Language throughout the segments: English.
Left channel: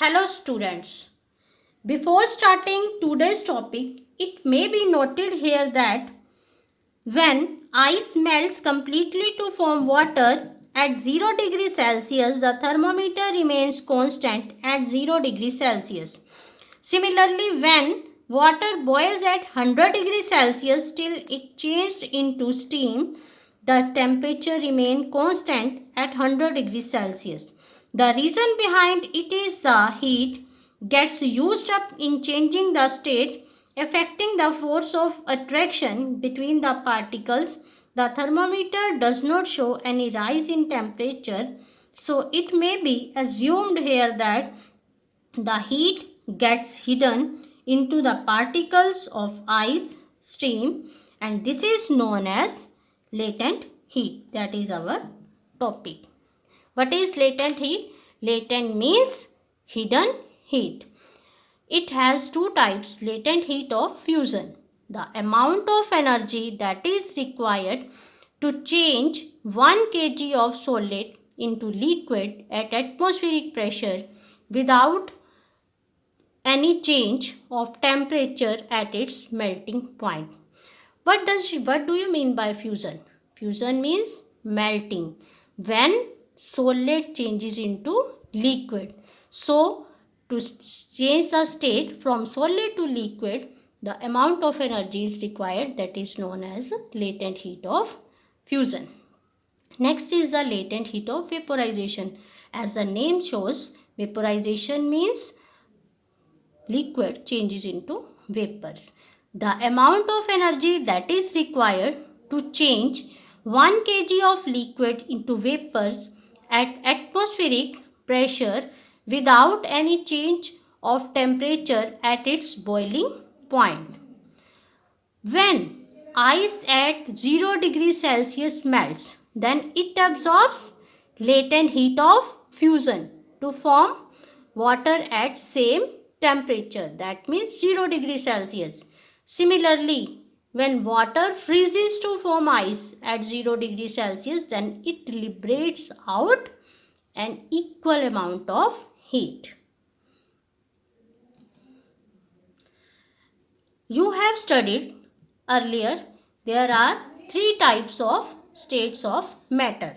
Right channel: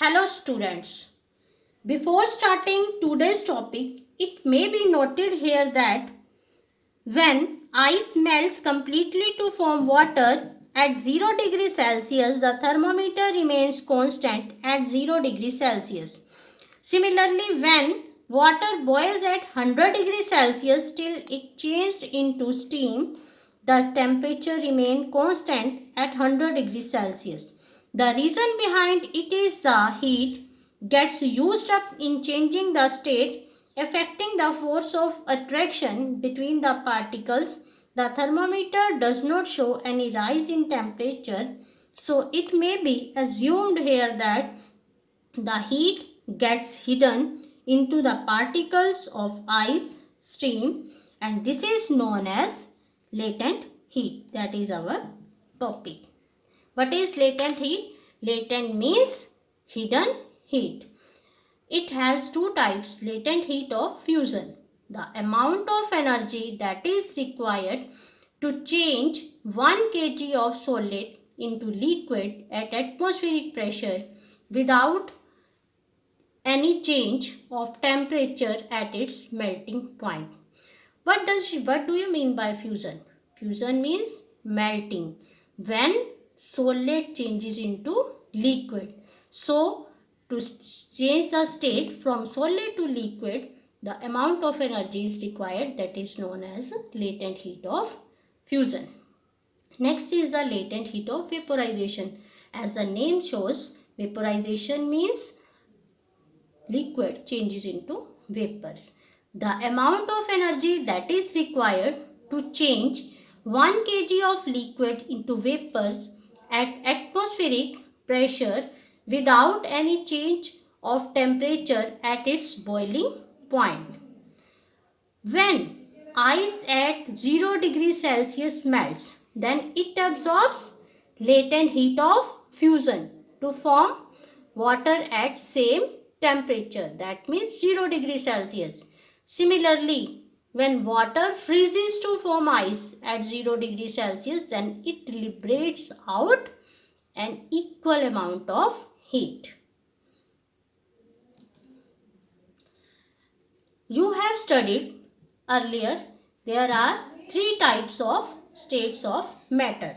Hello students. Before starting today's topic, it may be noted here that when ice melts completely to form water at 0 degrees Celsius, the thermometer remains constant at 0 degrees Celsius. Similarly, when water boils at 100 degrees Celsius till it changed into steam, the temperature remains constant at 100 degrees Celsius. The reason behind it is the heat gets used up in changing the state, affecting the force of attraction between the particles. The thermometer does not show any rise in temperature, so it may be assumed here that the heat gets hidden into the particles of ice stream, and this is known as latent heat. That is our topic. What is latent heat? Latent means hidden heat. It has two types: latent heat of fusion. The amount of energy that is required to change 1 kg of solid into liquid at atmospheric pressure without any change of temperature at its melting point. What do you mean by fusion? Fusion means melting. When solid changes into liquid. So, to change the state from solid to liquid, the amount of energy is required, that is known as latent heat of fusion. Next is the latent heat of vaporization. As the name shows, vaporization means liquid changes into vapors. The amount of energy that is required to change 1 kg of liquid into vapors at atmospheric pressure without any change of temperature at its boiling point. When ice at 0 degrees Celsius melts, then it absorbs latent heat of fusion to form water at same temperature, that means 0 degrees Celsius. Similarly, when water freezes to form ice at 0 degrees Celsius, then it liberates out an equal amount of heat. You have studied earlier there are three types of states of matter.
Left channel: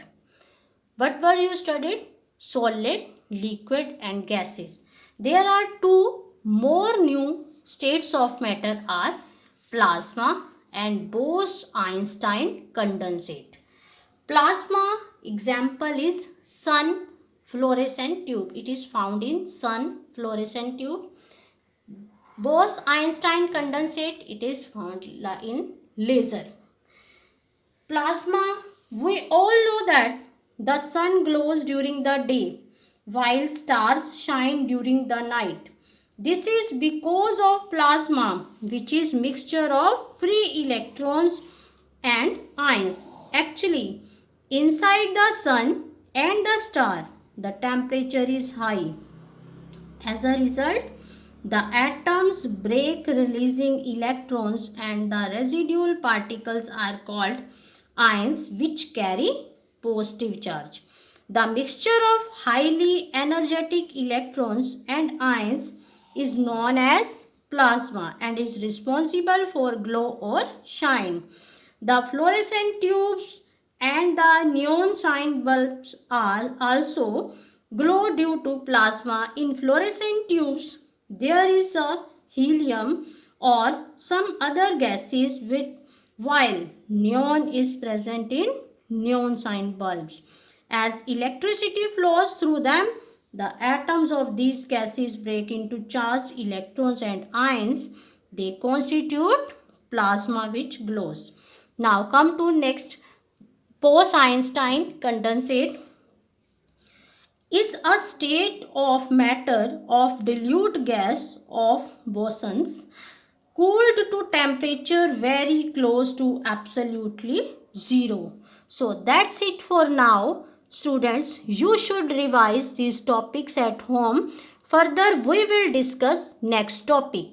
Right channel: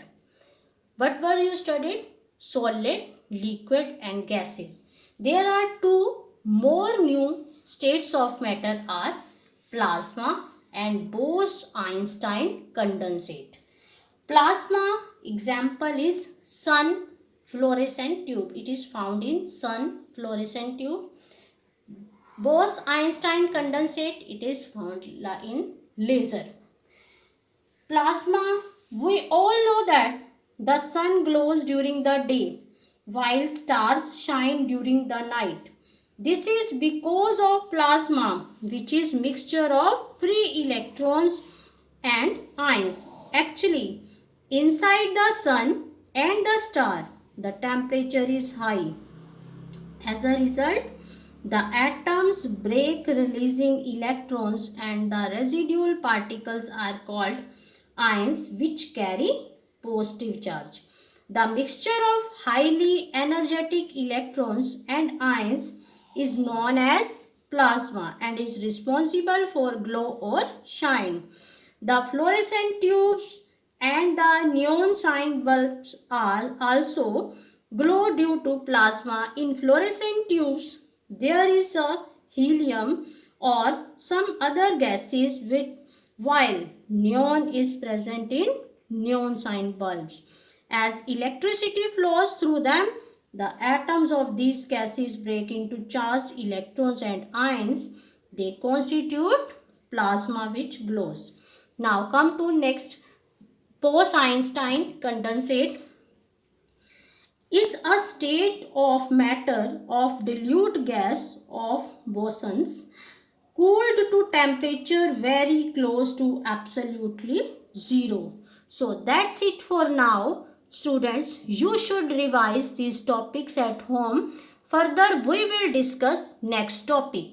What were you studied? Solid, liquid and gases. There are two more new states of matter are plasma and Bose-Einstein condensate. Plasma example is sun fluorescent tube. It is found in sun fluorescent tube. Bose-Einstein condensate, it is found in laser. Plasma, we all know that the sun glows during the day while stars shine during the night. This is because of plasma, which is mixture of free electrons and ions. Actually, inside the sun and the star, the temperature is high. As a result, the atoms break, releasing electrons, and the residual particles are called ions, which carry positive charge. The mixture of highly energetic electrons and ions is known as plasma and is responsible for glow or shine. The fluorescent tubes and the neon sign bulbs are also glow due to plasma. In fluorescent tubes, there is a helium or some other gases while neon is present in neon sign bulbs. As electricity flows through them, the atoms of these gases break into charged electrons and ions. They constitute plasma which glows. Now come to next. Bose-Einstein condensate is a state of matter of dilute gas of bosons cooled to temperature very close to absolutely zero. So that's it for now. Students, you should revise these topics at home. Further, we will discuss next topic.